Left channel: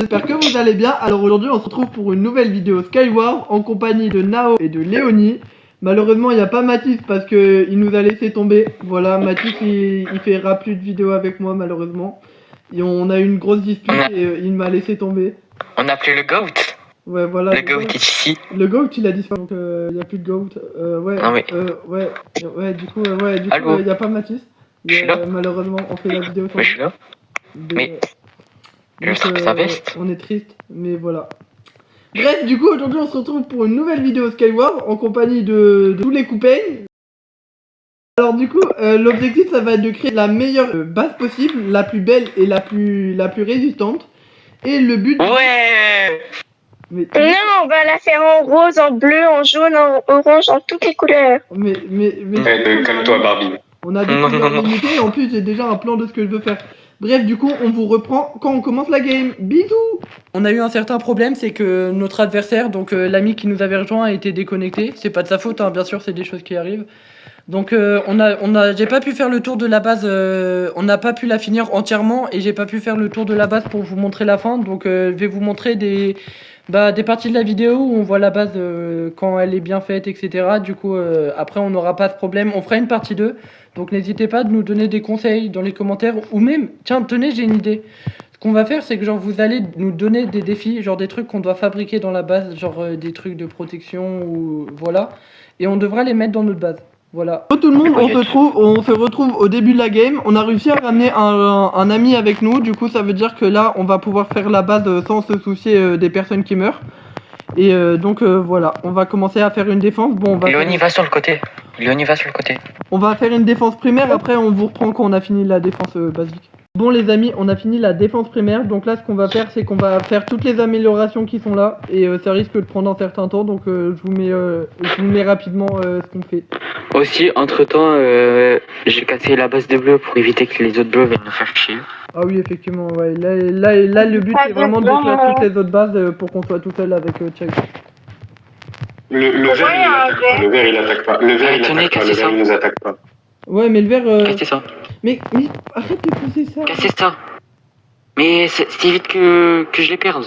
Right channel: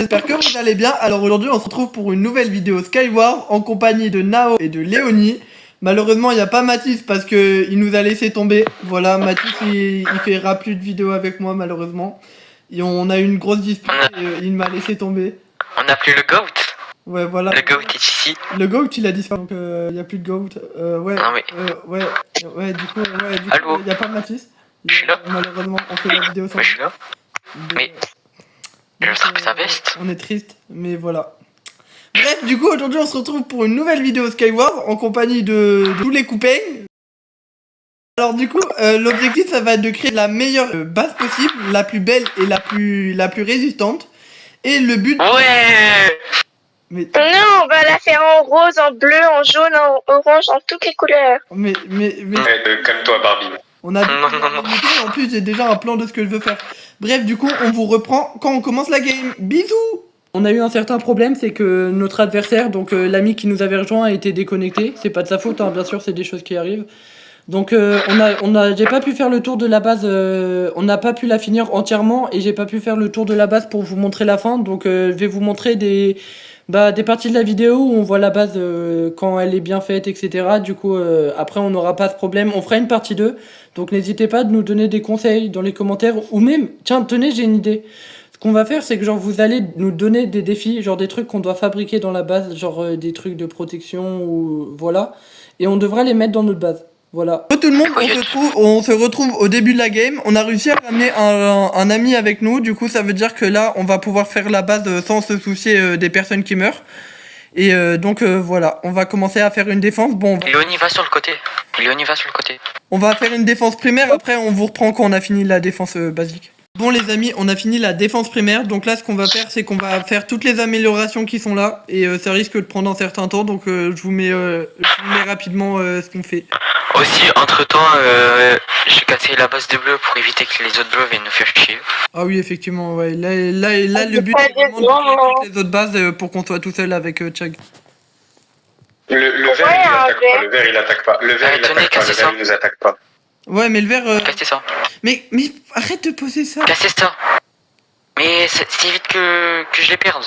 J'espère que vous allez bien. Alors aujourd'hui on se retrouve pour une nouvelle vidéo Skyward en compagnie de Nao et de Léonie. Malheureusement il n'y a pas Mathis parce que il nous a laissé tomber. Voilà, Mathis il fera plus de vidéos avec moi malheureusement. Et on a eu une grosse dispute et il m'a laissé tomber. On n'a plus le GOAT. Ouais voilà. Le GOAT est ici. Le GOAT il a disparu donc il n'y a plus de GOAT. Ouais, Ah oui. ouais du coup il n'y a pas Mathis. Je suis là. Malheureusement on fait la vidéo sans Mais je suis là. Mais je serai sa veste. on est triste, mais voilà. Bref, du coup, aujourd'hui, on se retrouve pour une nouvelle vidéo Skyward en compagnie de tous les copains. Alors, du coup, l'objectif, ça va être de créer la meilleure base possible, la plus belle et la plus résistante. Et le but. Ouais. Mais non, on va la faire en rose, en bleu, en jaune, en orange, en toutes les couleurs. Mais... Calme-toi, Barbie. On a des couleurs limitées et en plus, j'ai déjà un plan de ce que je veux faire. Bref, du coup, on vous reprend quand on commence la game. Bisous! On a eu un certain problème, c'est que notre adversaire, donc l'ami qui nous avait rejoint, a été déconnecté. C'est pas de sa faute, hein, bien sûr, c'est des choses qui arrivent. Donc j'ai pas pu faire le tour de la base, on n'a pas pu la finir entièrement et j'ai pas pu faire le tour de la base pour vous montrer la fin. Donc je vais vous montrer des parties de la vidéo où on voit la base quand elle est bien faite, etc. Du coup, après on n'aura pas ce problème. On fera une partie 2. Donc n'hésitez pas de nous donner des conseils dans les commentaires ou même, tiens, tenez, j'ai une idée. Ce qu'on va faire, c'est que genre vous allez nous donner des défis, genre des trucs qu'on doit fabriquer dans la base, genre des trucs de protection ou voilà. Et on devra les mettre dans notre base. Voilà. Tout le monde, on se retrouve au début de la game. On a réussi à ramener un ami avec nous. Du coup, ça veut dire que là, on va pouvoir faire la base sans se soucier des personnes qui meurent. Et donc voilà, on va commencer à faire une défense. Bon, Léonie va sur le côté. Léonie va sur le côté. On va faire une défense primaire. Après, on vous reprend quand on a fini la défense basique. Bon les amis, on a fini la défense primaire, donc là ce qu'on va faire c'est qu'on va faire toutes les améliorations qui sont là et ça risque de prendre un certain temps, donc je vous mets rapidement ce qu'on fait. Aussi, entre temps, j'ai cassé la base de bleu pour éviter que les autres bleus viennent nous faire chier. Ah oui effectivement, ouais. Là le but c'est vraiment de faire toutes les autres bases pour qu'on soit tout seul avec Chug. Le vert il attaque pas, le vert il nous attaque pas. Ouais mais le vert... Cassez ça. Mais arrête de poser ça. Cassez ça. Mais c'est vite que je les perde.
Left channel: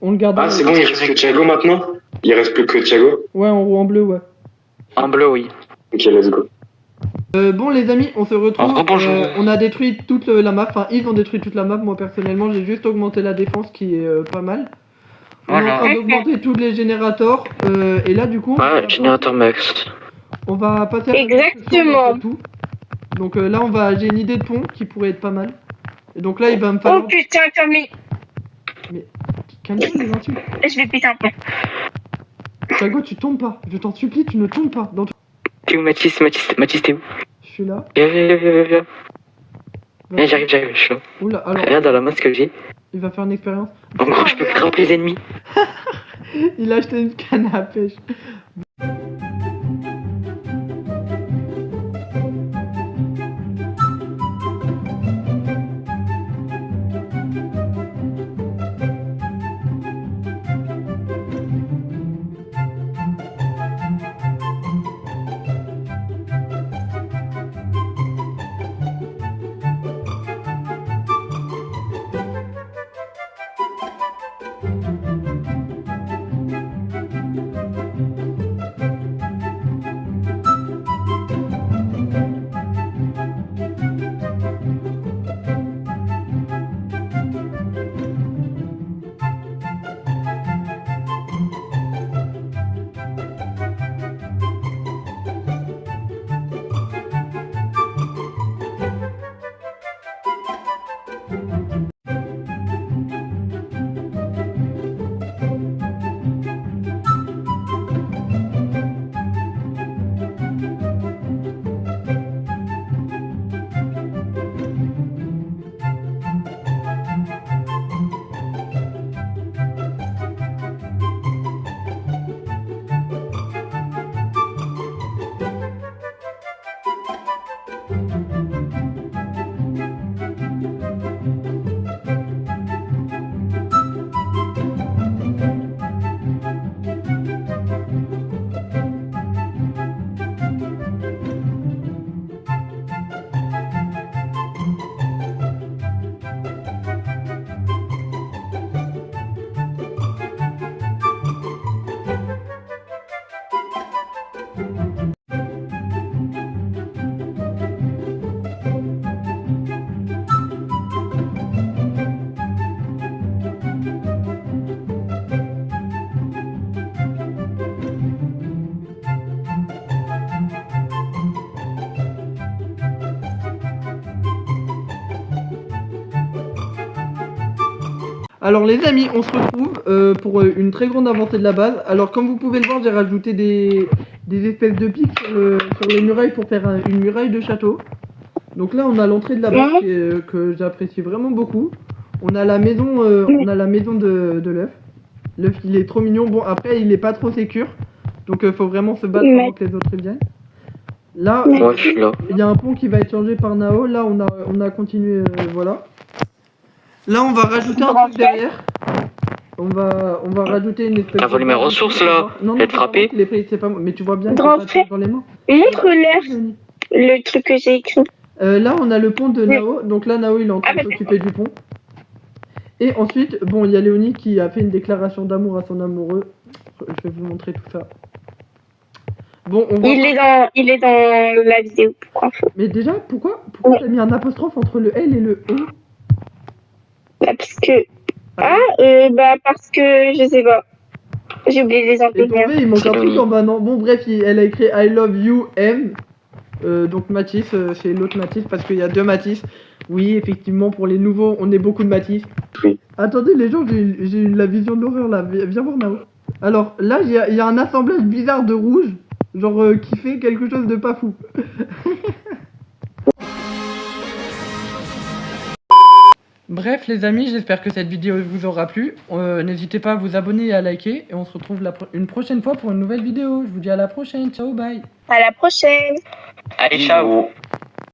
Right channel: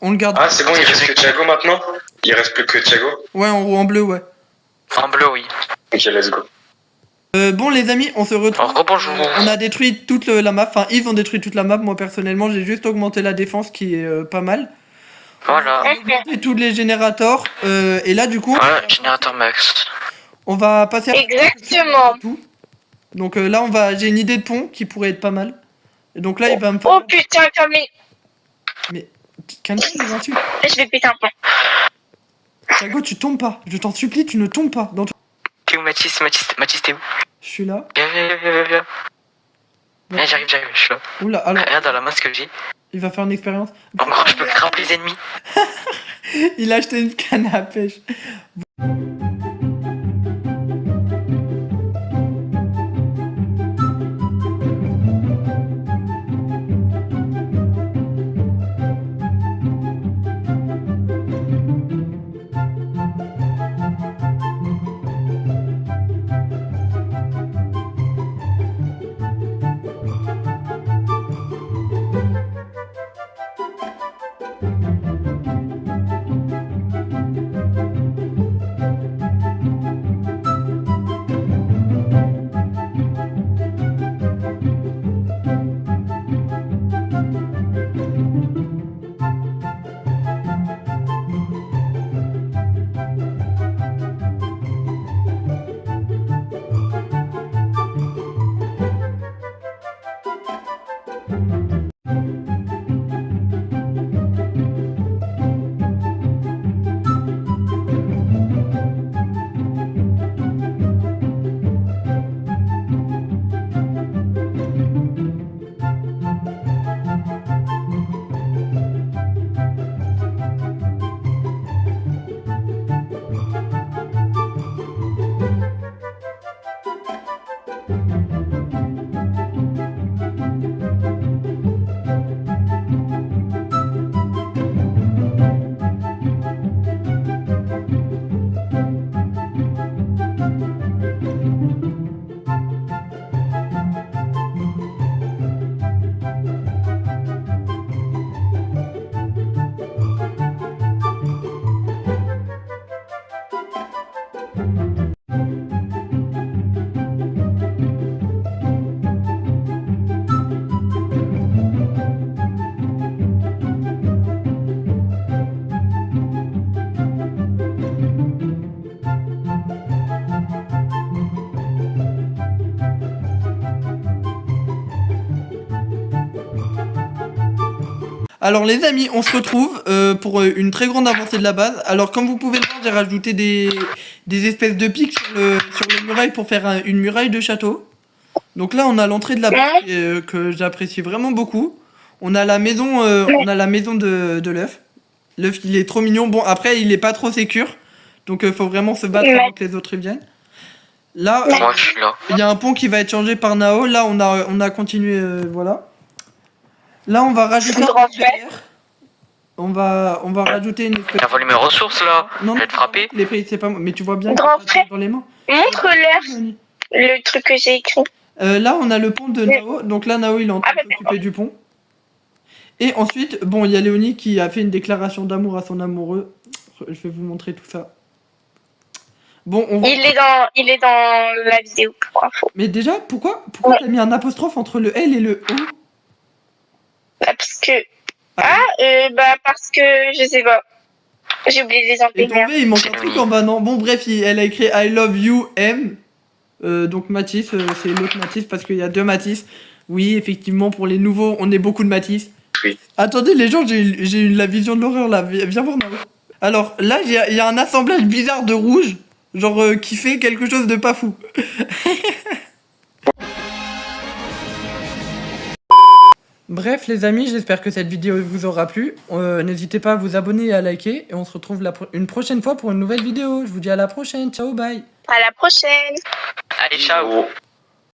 On le garde. Ah c'est bon, il reste que Thiago maintenant. Il reste plus que Thiago. Ouais en bleu, ouais. En bleu, oui. Ok, let's go. Bon les amis, on se retrouve, bonjour. on a détruit toute la map, enfin ils ont détruit toute la map, moi personnellement j'ai juste augmenté la défense qui est pas mal. Voilà. On est en train d'augmenter tous les générateurs, et là du coup... Ouais, générateur max. On va passer à Exactement. tout. Donc là j'ai une idée de pont qui pourrait être pas mal. Et donc là il va me falloir... Oh putain, comme les... Mais calme-toi les insultes. Je vais péter un pont. Thiago tu tombes pas, je t'en supplie tu ne tombes pas. T'es où Mathis, t'es où? Je suis là. Viens. J'arrive, je suis là. Oula alors... Regarde dans la masse que j'ai. Il va faire une expérience. En gros, je peux plus les ennemis. Il a acheté une canne à pêche. Alors les amis, on se retrouve pour une très grande avancée de la base. Alors comme vous pouvez le voir, j'ai rajouté des espèces de pics sur les murailles pour faire une muraille de château. Donc là, on a l'entrée de la base que j'apprécie vraiment beaucoup. On a la maison, de l'œuf. L'œuf, il est trop mignon. Bon, après, il est pas trop sécure. Donc faut vraiment se battre avant que les autres y viennent. Là, Moi, je suis là. il y a un pont qui va être changé par Nao. Là, on a continué, voilà. Là, on va rajouter un truc derrière. On va rajouter une espèce. T'as volé mes ressources là? Non, Je vais non, te frapper. c'est pas moi. Mais tu vois bien que j'ai pas de truc dans les mains. Montre-leur le truc que j'ai écrit. Là, on a le pont de Nao. Donc là, Nao, il est en train de s'occuper du pont. Et ensuite, bon, il y a Léonie qui a fait une déclaration d'amour à son amoureux. Je vais vous montrer tout ça. Bon, on voit... Il est dans la vidéo. Mais déjà, pourquoi t'as mis un apostrophe entre le L et le O? Parce que... parce que... Je sais pas. J'ai oublié les Et imprimés. tombé, il manque un truc en bas, non? Bon, bref, elle a écrit I love you, M. Donc Mathis, c'est l'autre Mathis parce qu'il y a deux Mathis. Oui, effectivement, pour les nouveaux, on est beaucoup de Mathis. Oui. Attendez, les gens, j'ai eu la vision de l'horreur là. Viens voir Nao. Alors là, il y a un assemblage bizarre de rouge, genre qui fait quelque chose de pas fou. Bref les amis, j'espère que cette vidéo vous aura plu. N'hésitez pas à vous abonner et à liker. Et on se retrouve une prochaine fois pour une nouvelle vidéo. Je vous dis à la prochaine. Ciao, bye. À la prochaine. Allez, ciao.